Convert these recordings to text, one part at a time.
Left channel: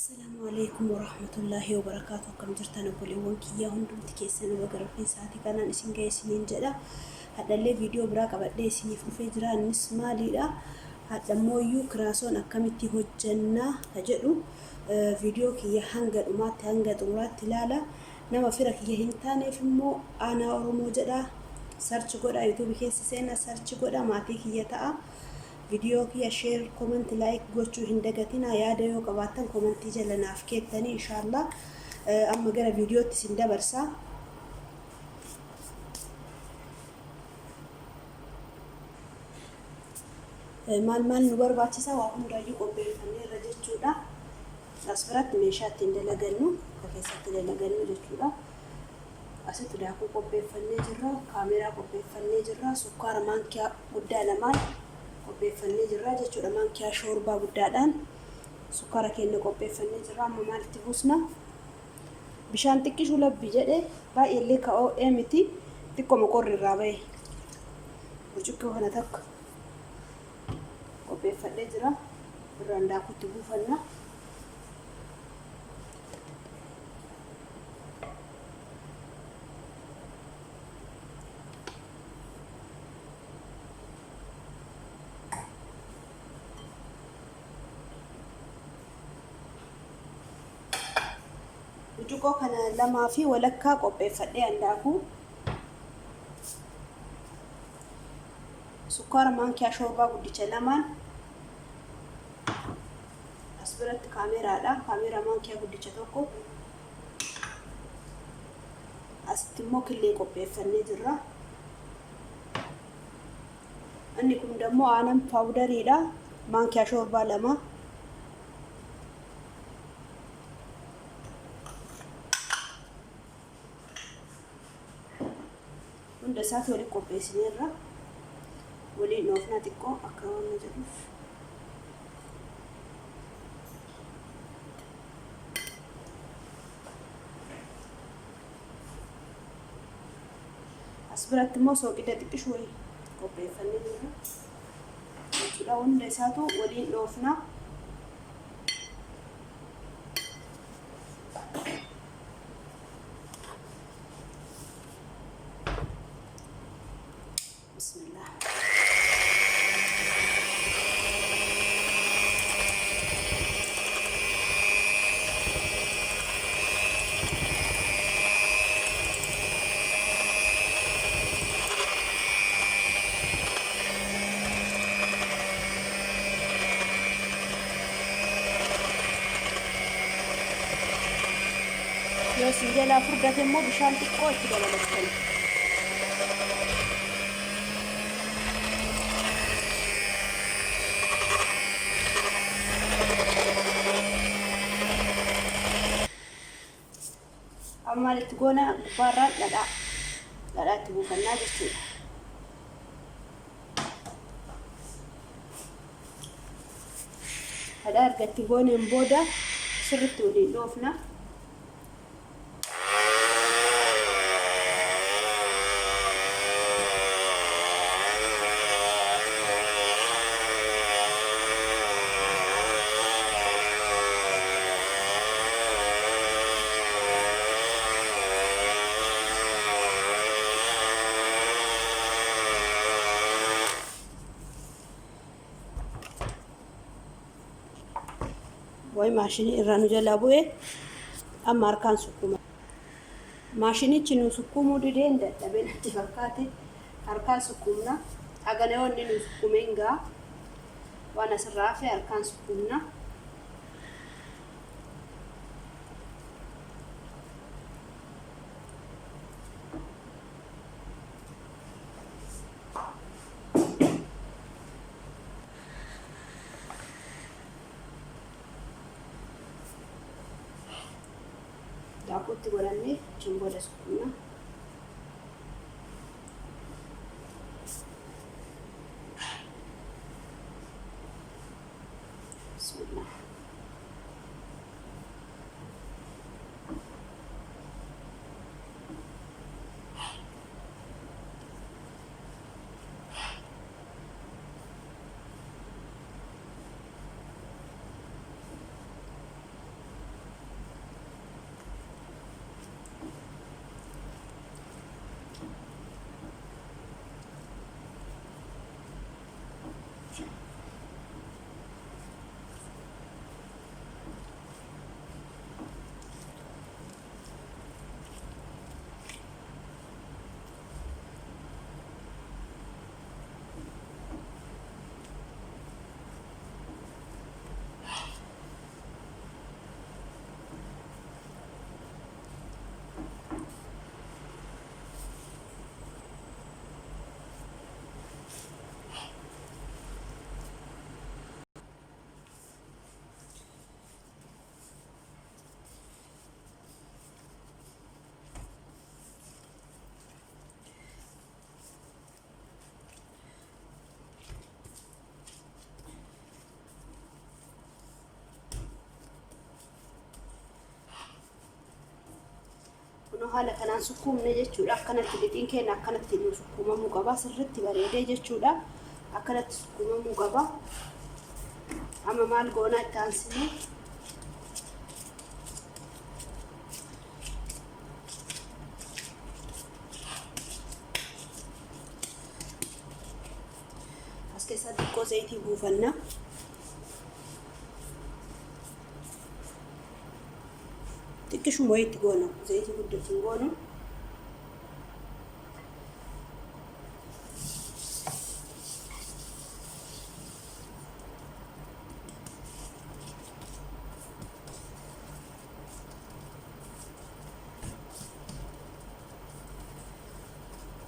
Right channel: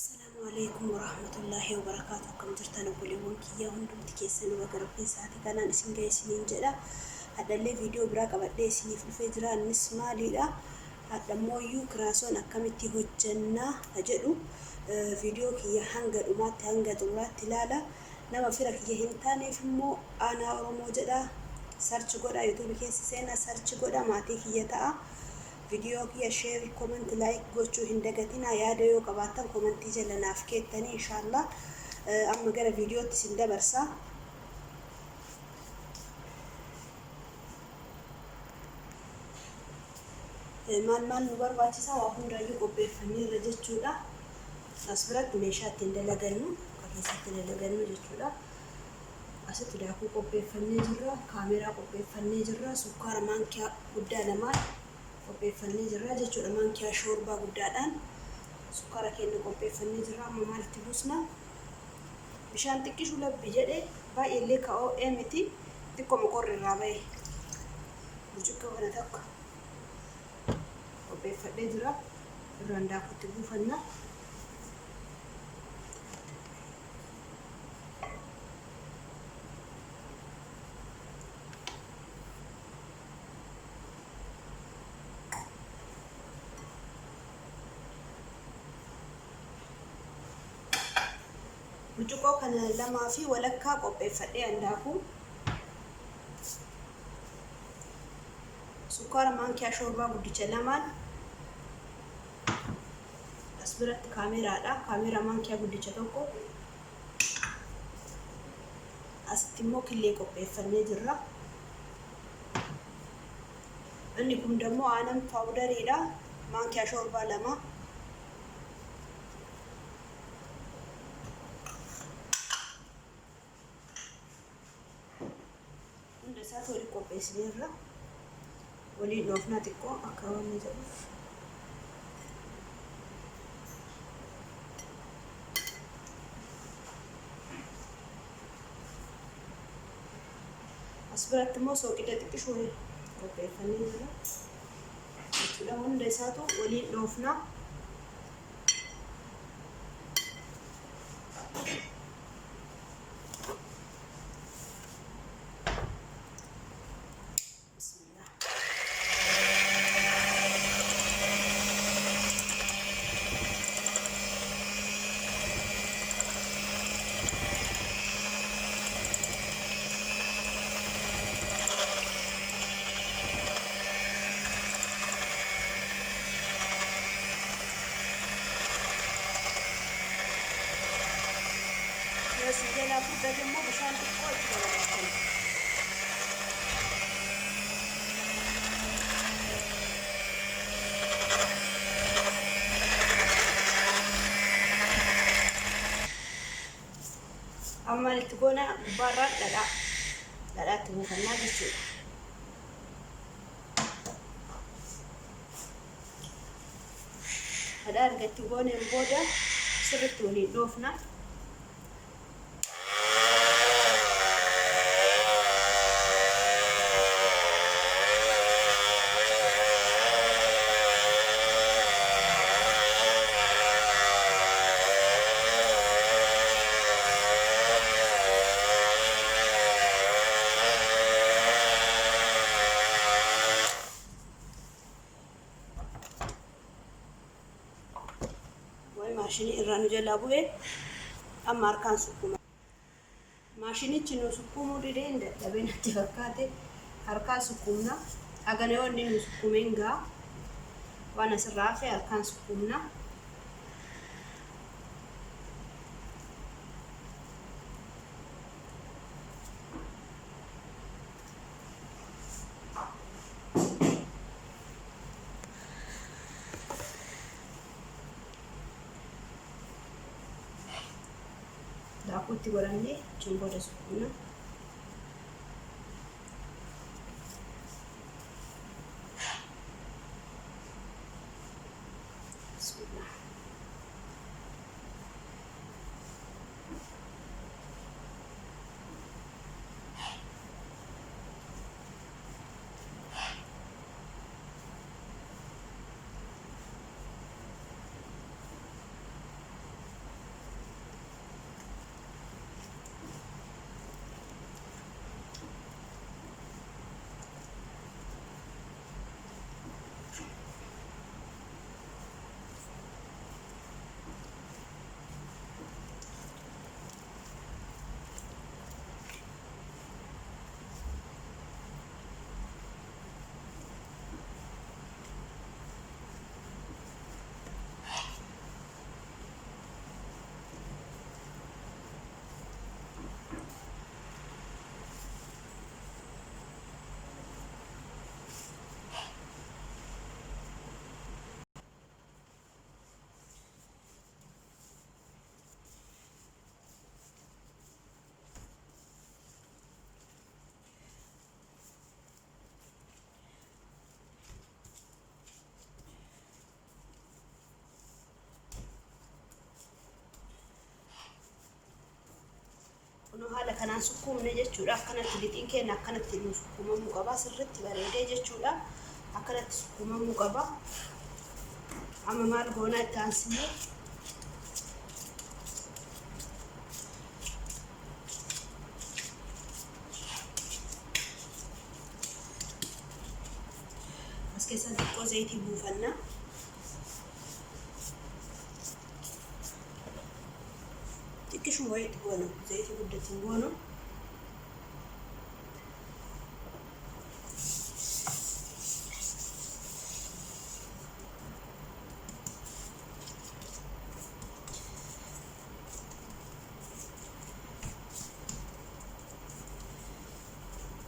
السلام عليكم ورحمة الله وبركاته. كم جرتنا كل يوم كي هندم تكيسن وقرب في ساعتي كان نسين جاي سنين جدا. هذا اللي فيديو براك بدي سني في الفجران نسمع ليلا. هذا مويو كراسون أكملتي هو الجنة هجرو فيديو كي هنجر وما تهنجر ورات تلالا نما فرق يهنتاني في المو أنا أرومو جدا سيرش قدا يوتيوب كيس سينا سيرش قدا ما تيجي يتا فيديو كي شير كومنت لايك قوتشو هندقتنا يا ديو قباتن كومنت جلنا فكيتني إن شاء الله. أما جرى فيديو تسند برسا مال نور باتشا وهم رايو قبل فني رجتشولا أسبرت ميشات تندلجنو أكيد تندلجنو رجتشولا أسد داكو قبل فني جرا كاميرا قبل فني جرا سكر مانكيا قدام مال قبل فني جرا جتشولا مانكيا شوربة قدام سكر كأنه قبل فني جرا مال تبوسنا بشان تكشوا لبيجده باي اللي كأو إمتى تكو مقر الرابع وجوكو هنا تك قبل فني جرا الرندا كتبو فنا وجوكو كان لما في ولكا قبل فني عندكو سكر مانكيا شوربة قديش لمان أسبرت كاميرا مانكيا قديش توكو أستموك اللي قبل فني جرا أني كم دمو أنا باودري لا مانكيا شوربة لما عند ساتو اللي قبل سنيرة ولي نوفنا تكو أكرم نجرف أسبرت موسو كده تكشوي قبل فني جرا وكده عند ساتو ولي نوفنا بسم الله يا سيدي لا فرقة مو بشان تقول كده ولا أما اللي تقولنا برا لا تقول فنان بسيط هذا قد تقولنا مبودة سبت ولي لوفنا وي ماشيني إيرانو جلابوه أما أركان سكوما ماشيني تشينو سكومو دين ده لبين اتفاقاتي أركان سكومنا أغانيون نينو سكومينغا وانا سرافي أركان سكومنا داكوتي وراني جنبو دسكونا بسم الله haala kanaan sukkuumne jechuudha. Akkanatti lixiin keenya akkanatti nu sukkuumamuu qaba. Sirriitti bareedee jechuudha. Akkanatti sukkuumamuu qaba. Amma maal goonaa itti aansinee as keessatti xiqqoo zayitii buufanna. Xiqqishuma wayiitti goona. Zayitii guddaatti hin goonu.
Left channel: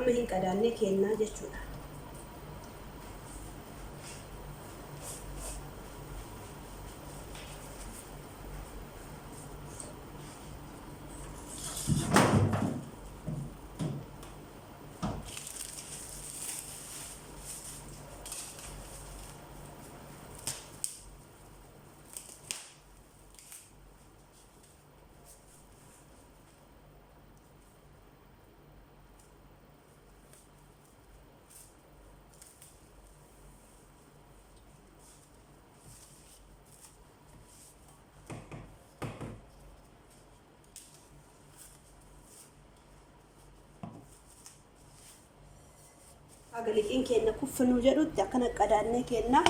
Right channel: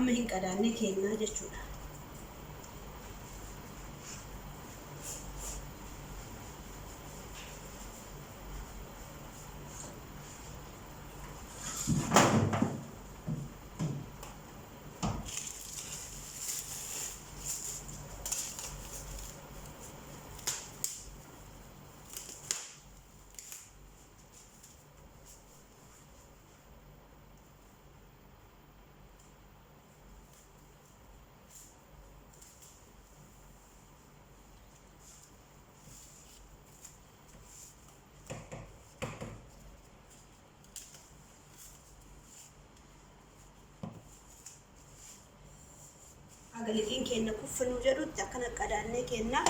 Amma hin qadaannee kennaa jechuudha. Aga lixiin keenya kuffinuu jedhutti akkana qadaannee kenna.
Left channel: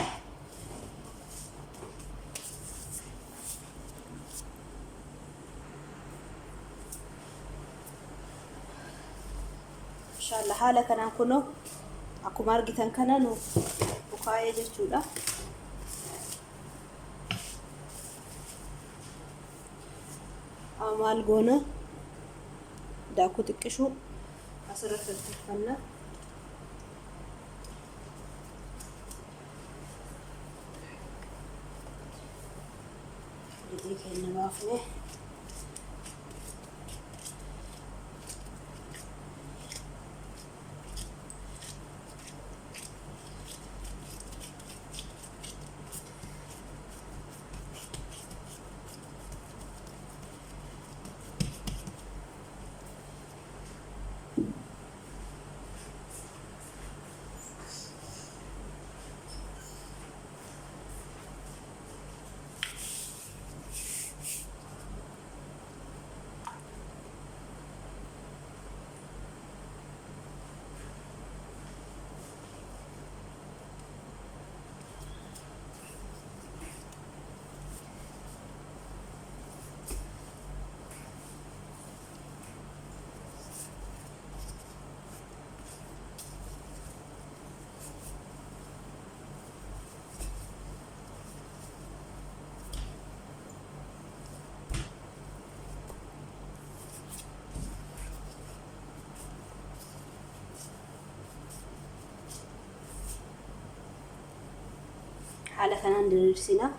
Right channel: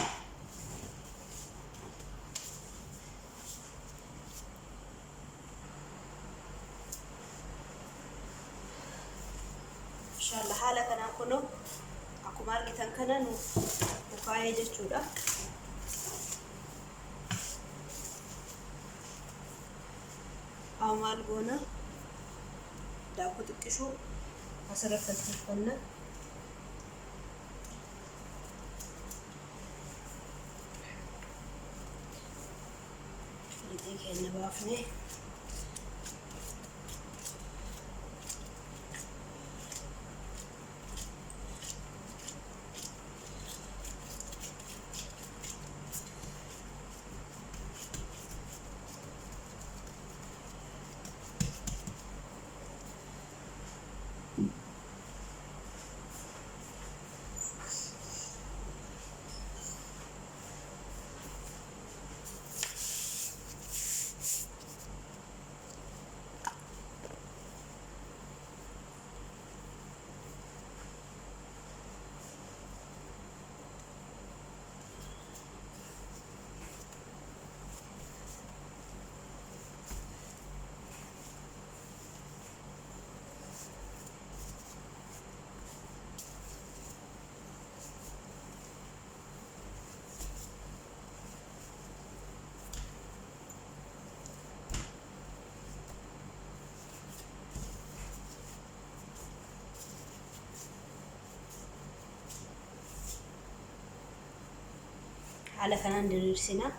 Inshallah haala kanaa kunoo akkuma argitan kana nu ufaayee jechuudha. Maal goona daakuu xiqqishuu asirratti tolfanna. Lixii baafne haala kanaan diriirsina.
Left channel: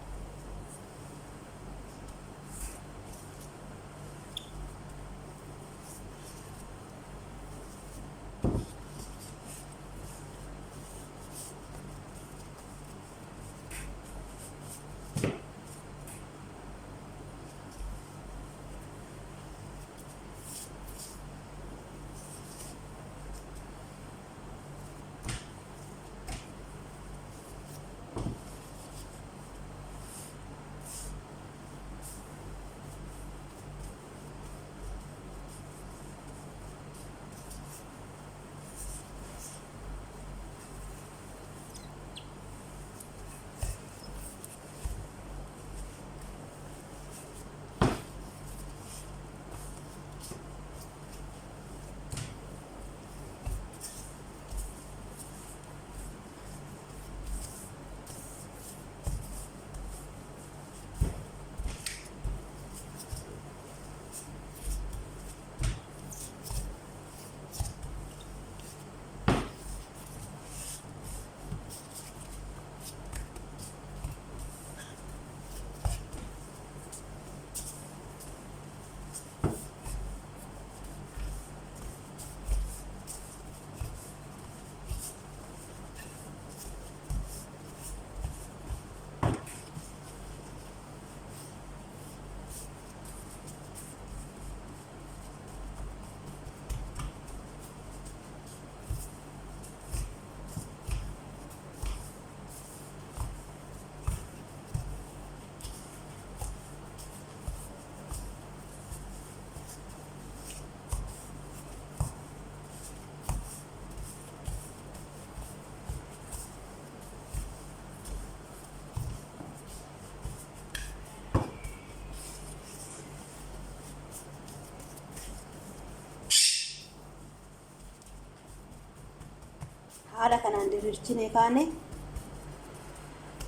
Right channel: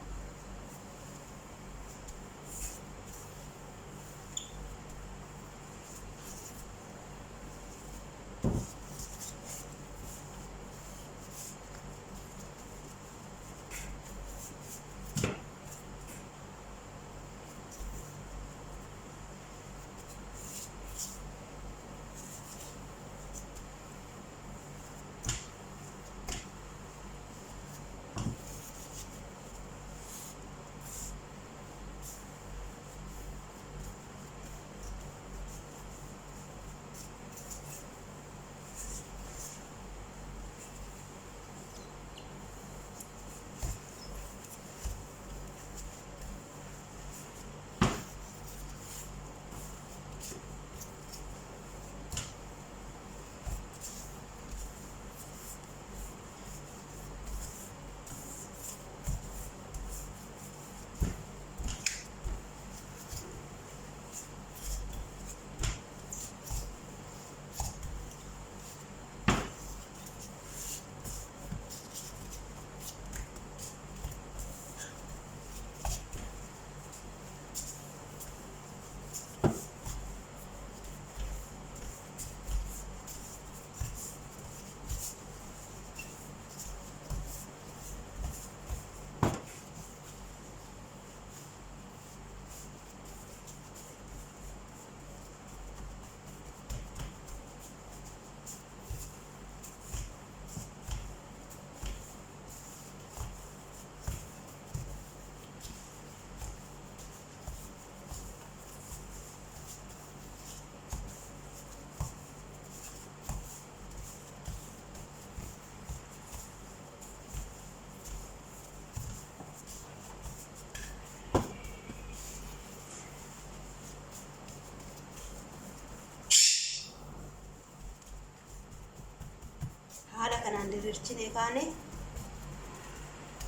haala kanaan diriirchinee kaane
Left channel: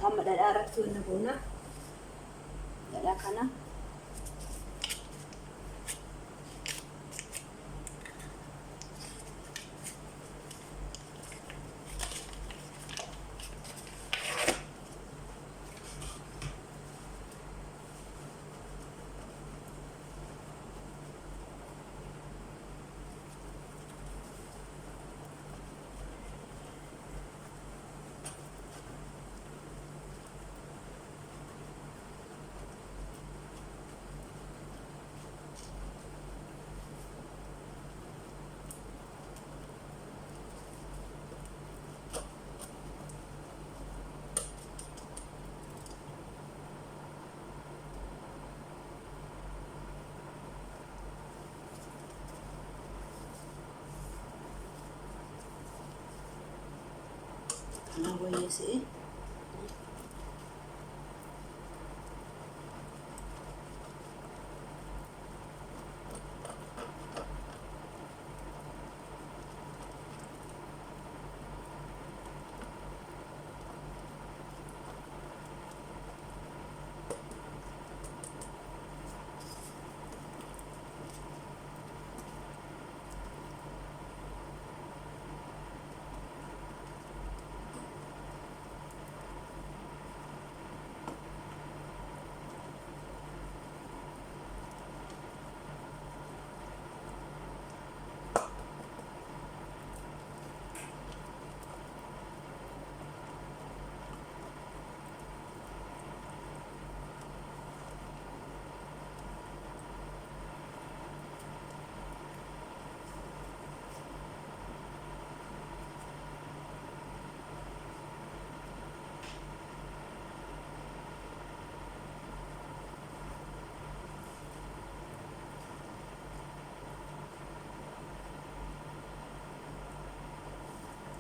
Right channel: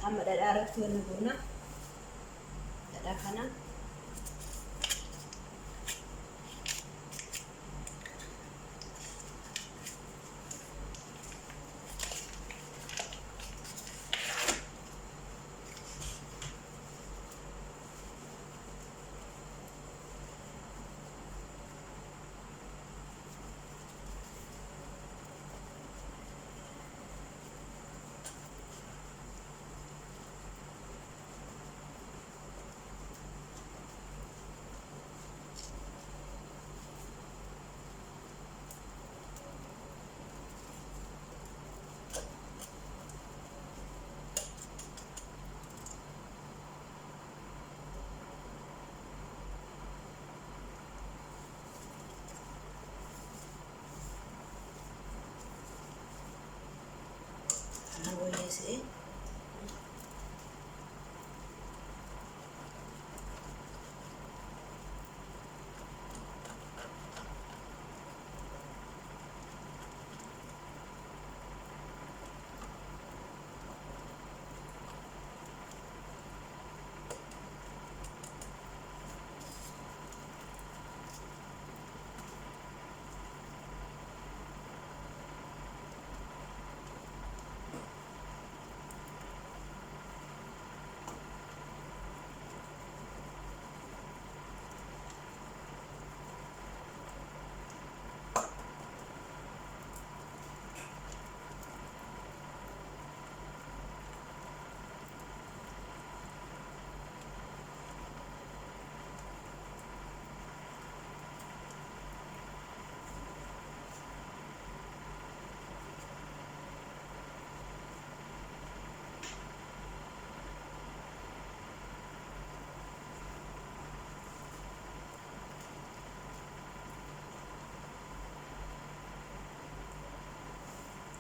amma dhadhaa irratti wanna goona dhadhaa kana kana wayyeesee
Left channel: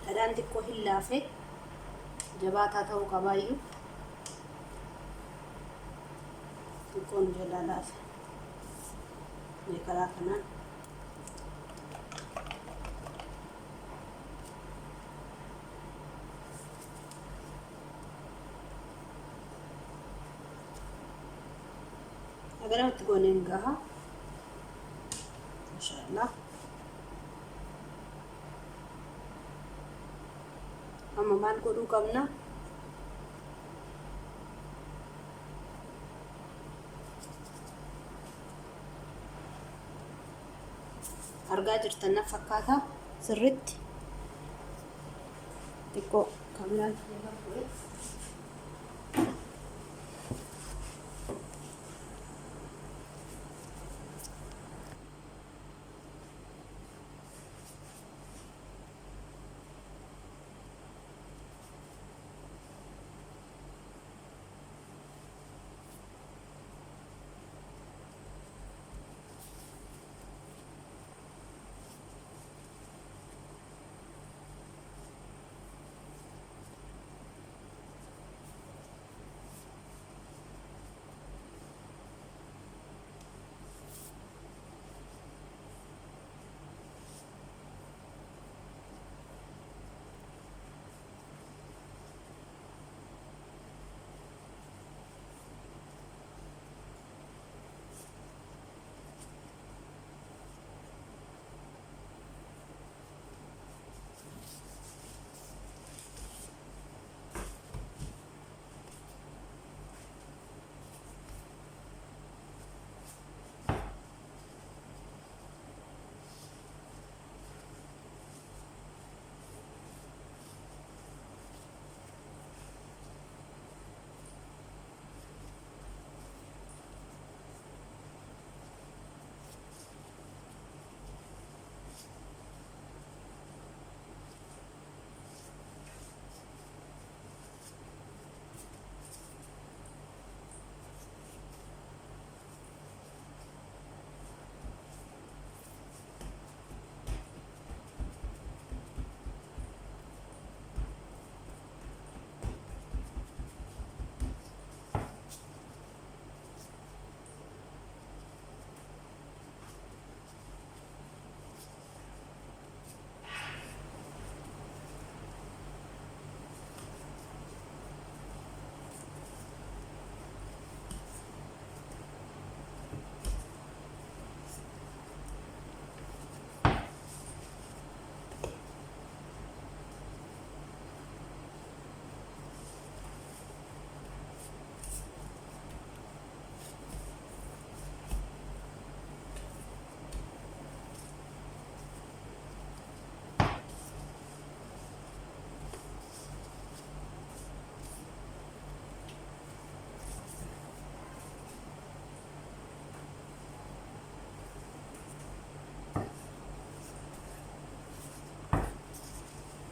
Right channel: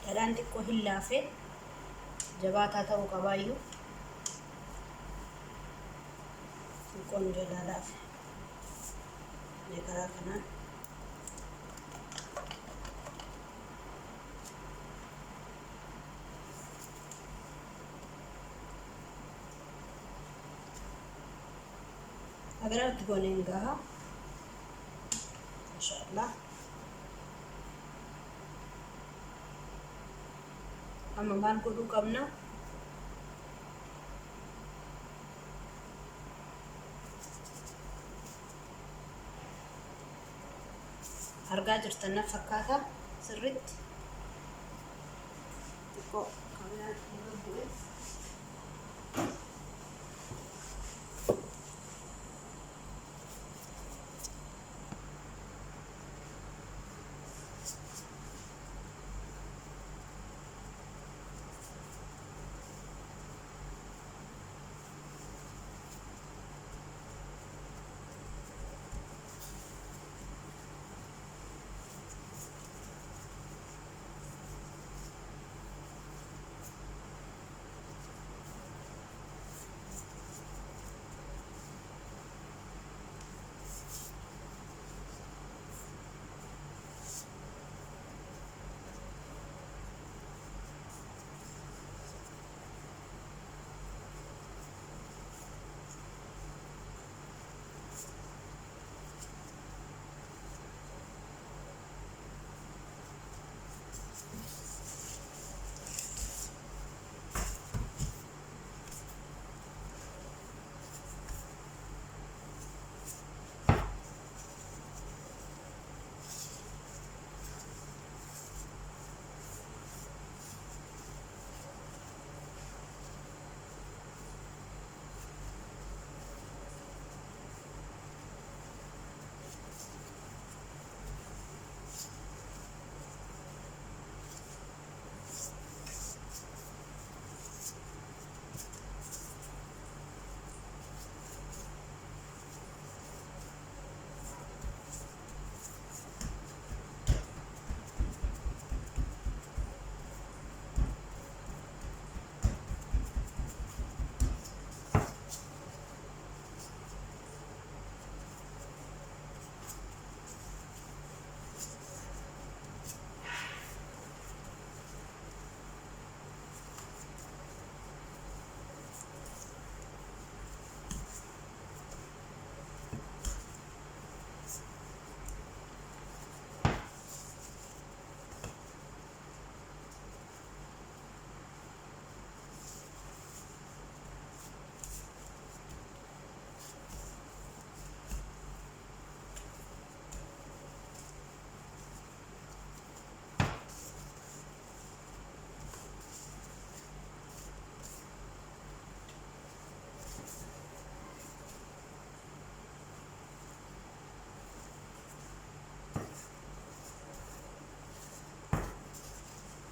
dhadhaan xiqqoo hin laafe jabaataa ta'uu qabaayyuu xiqqoon jalaa laafe karaa kanaan agarratti gooneen gaha inshaallah amma maal godhuu qabna argaa jirtan na fakkaata sirritti xiqqoo kaameraan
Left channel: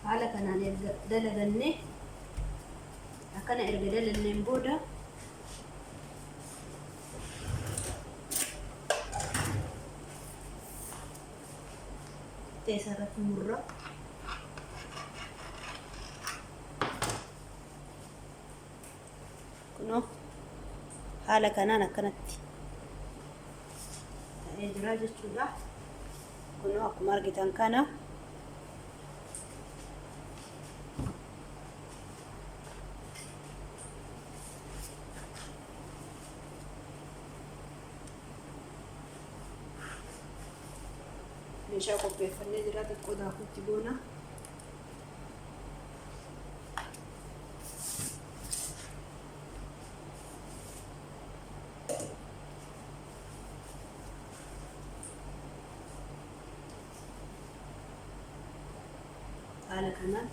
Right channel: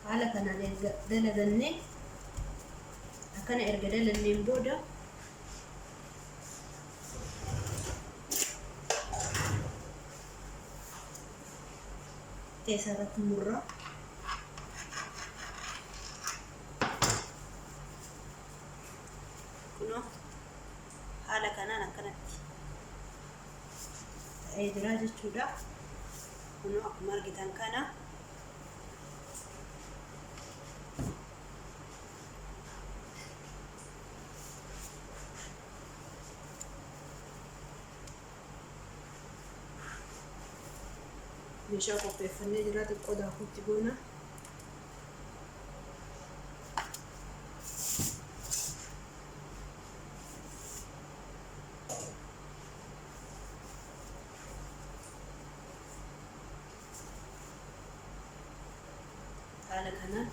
haala kanaan erga dalagannee akkana erga dalanneen booda teessarratti murra. Kunoo haala kanaan akkanatti ta'ee jira jechuudha. Kunoo akkuma argitan kana meeshaa qopheeffannee jira. Xiqqoo daakuutti goona. haala kanaan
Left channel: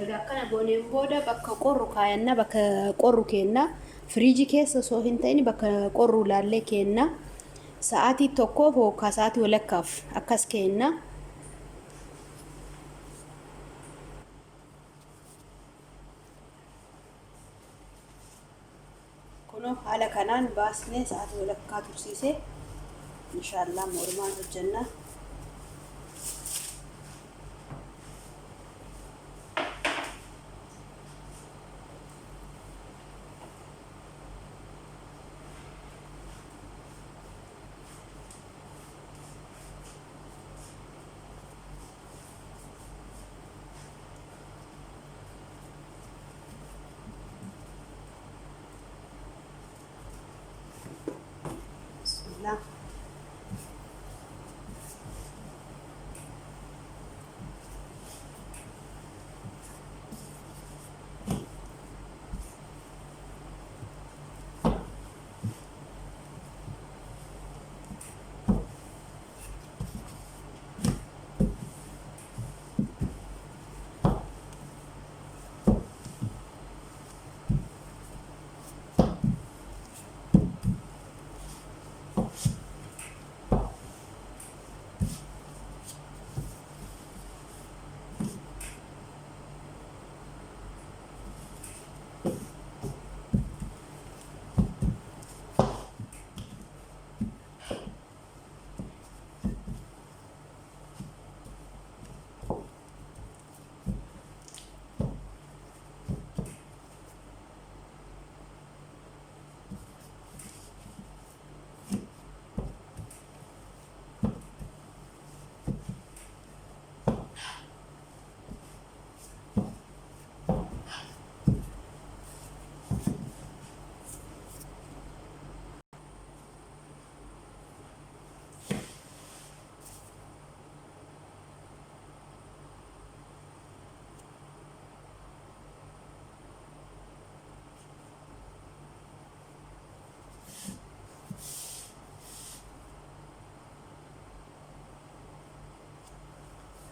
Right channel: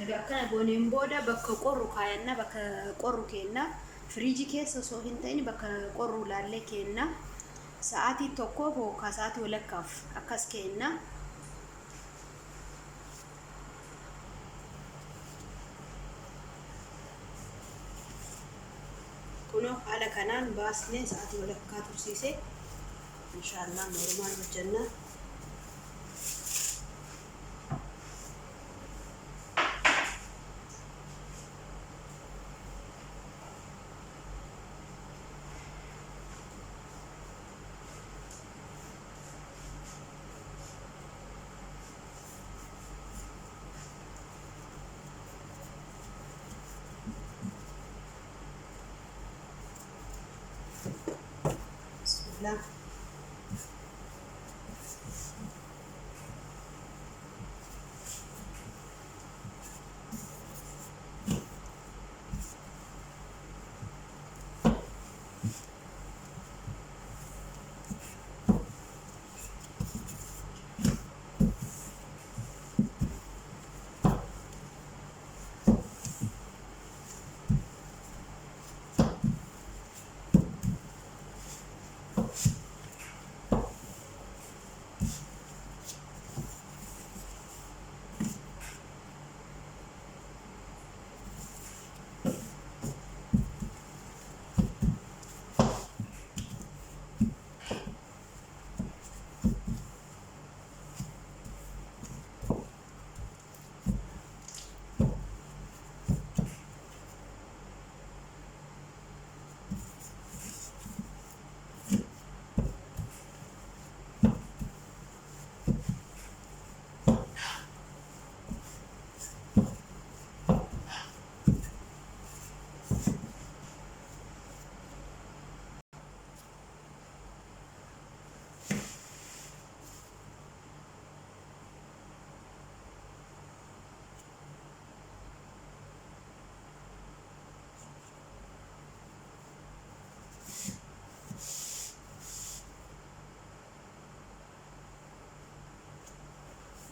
erga akkana gooneen booda bakka qorru kaayanna. Bakka qorru keenna firiijii keessa osoo hin ta'in bakka qorru laallee keenna. Sa'aatii tokkoof yookaan sa'aatii walakkaaf akkas keenna. Kunoo haala kanaan baasnee sa'aatii walakkaa tursiisee inshallah normaal hojjenna. Bismillah.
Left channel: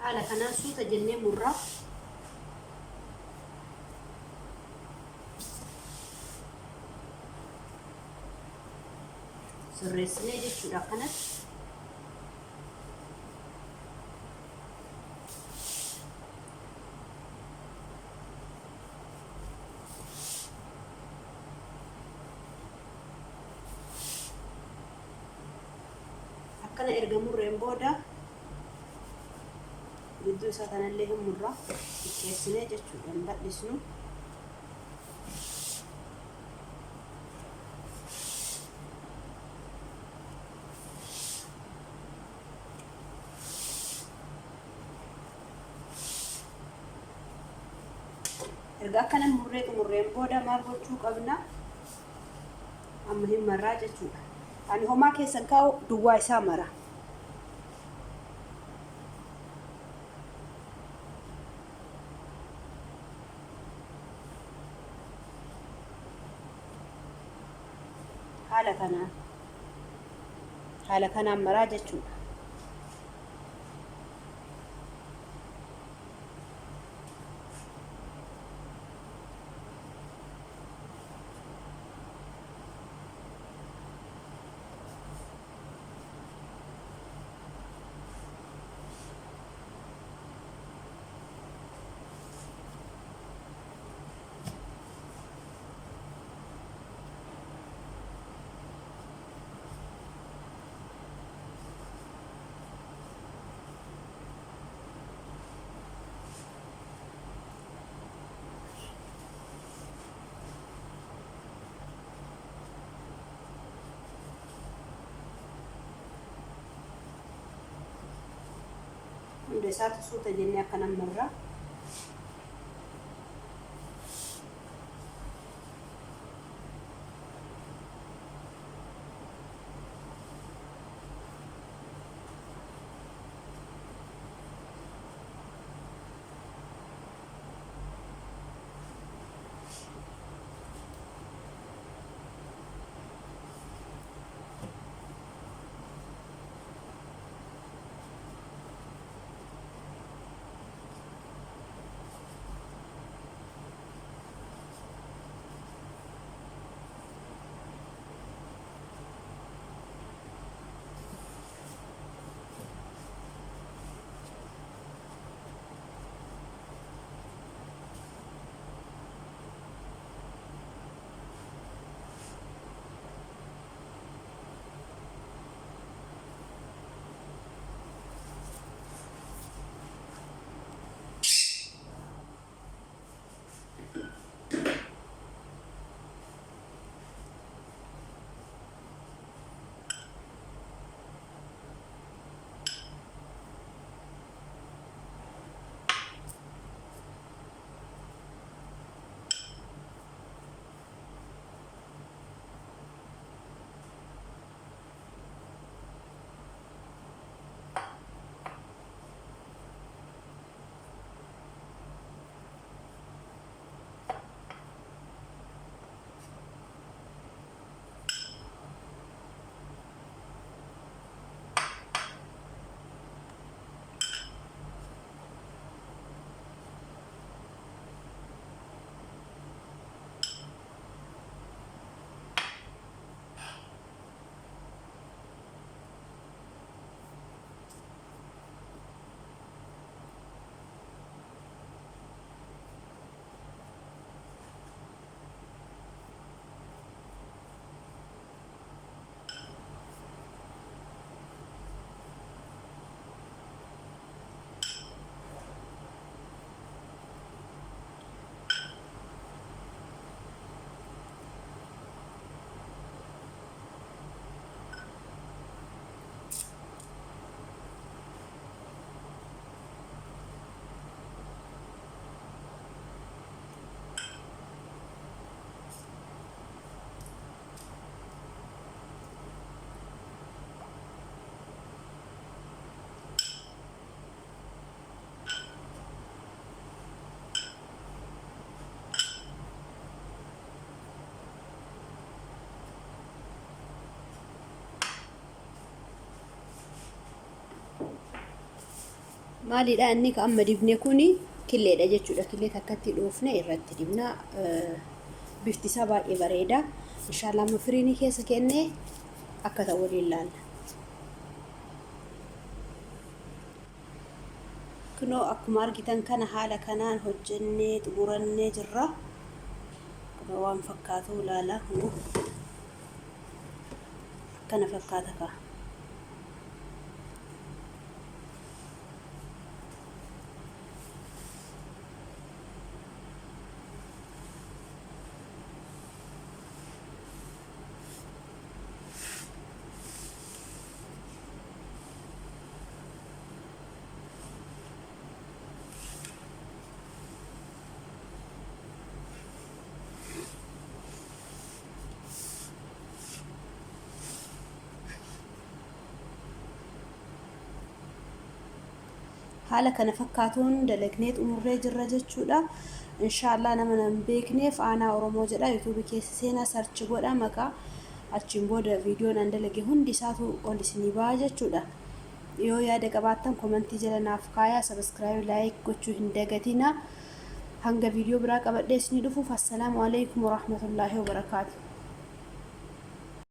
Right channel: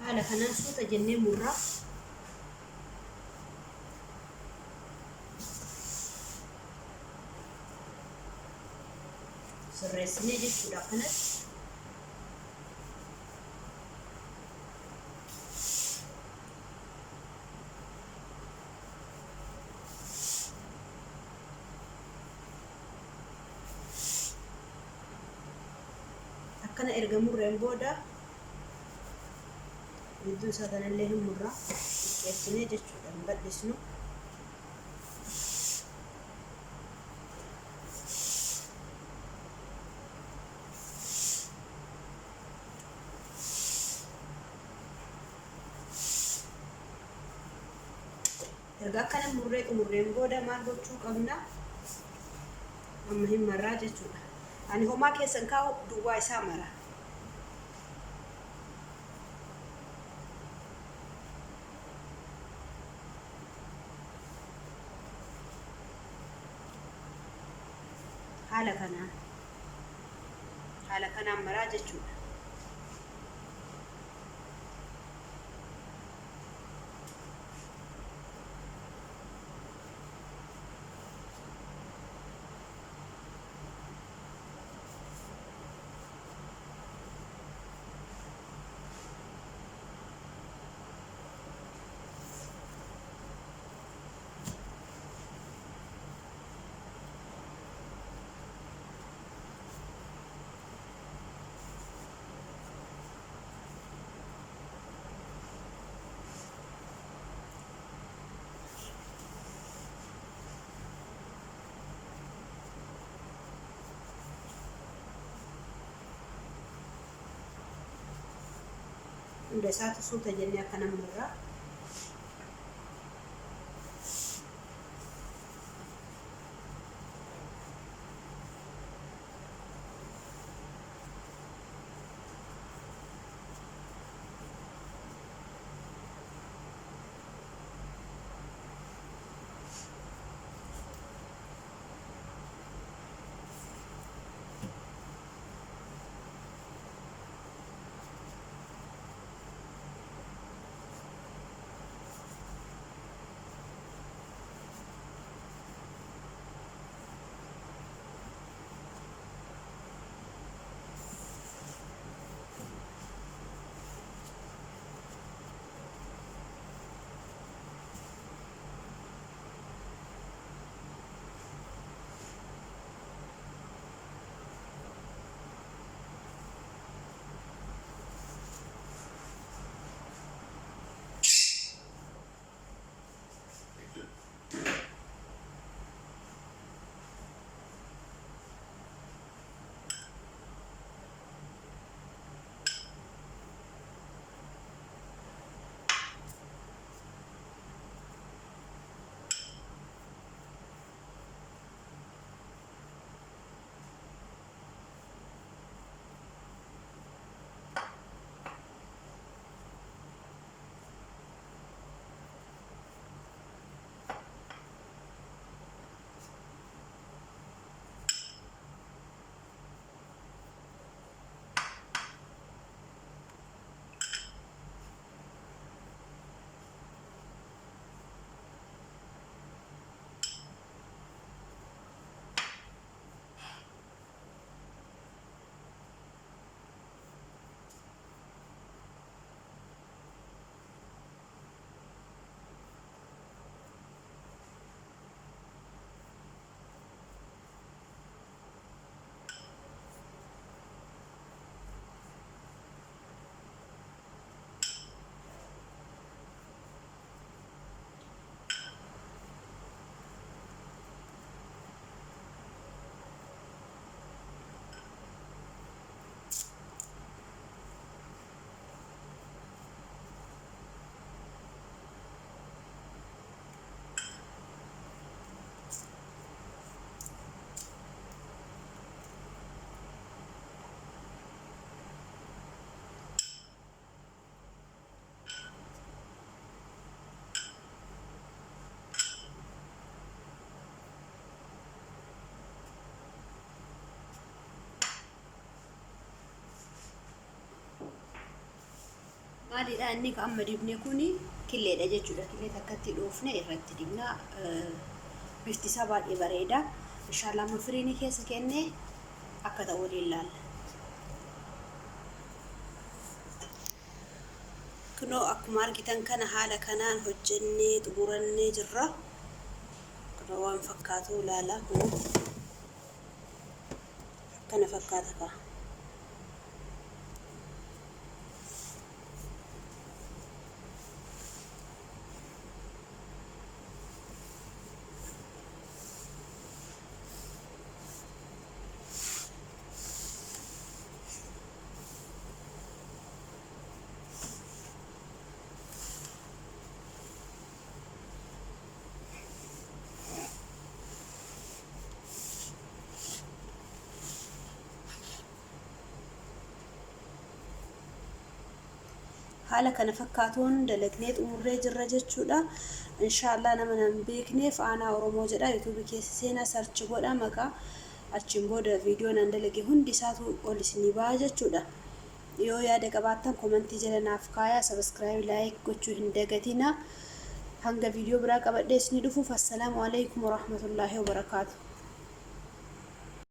Haala kanaan suuta jennee murraa. Sirreessinee jechuudha akkanatti. Akkana erga murreen booda gidduu isaa kanallee hin murraa xiqqeessinee jechuudha, hin bal'isnu. Erga akkana murreen booda maal gochuu qabna? Amma hin marraa jechuudha. Ani homaa keessan kaa'u duwwaa isaa mara. haala kanaan maraa jechuudha. Udah satu suuta jennee akka namarraa maaliidha inni ka amma dibne kuni killeedha jechuudha. Killee takkatti dhoofne irratti dibna bifti isaa baay'ee bareeda. Inshallah amma firiinii keessa kenne akka ta'u waliin laalla. Kunoo akkuma argitan kana haala kanaan hojjennee xumurannee jirra. Kunoo waan fakkaatu laala kunoo akkana fakkaata ka. haala kana fakkaatuun dalagnee xumurree jirra jechuudha. Inshallah nama nan beekneef aanaa Oromoo jedha YouTube keessa seenaa search godha maqaa achiin booda viidiyoon an dalage hundi isaatu ol isinii ba'a jechuudha. yoo yaada qabaattan komentii jala naaf kaayaa, subscribe like gochuu hin dagatina. hanga viidiyoo biraa qabadhee isinii dhufuuf assalaamu alaykum wa rahmatullaahi wa barakaatuh.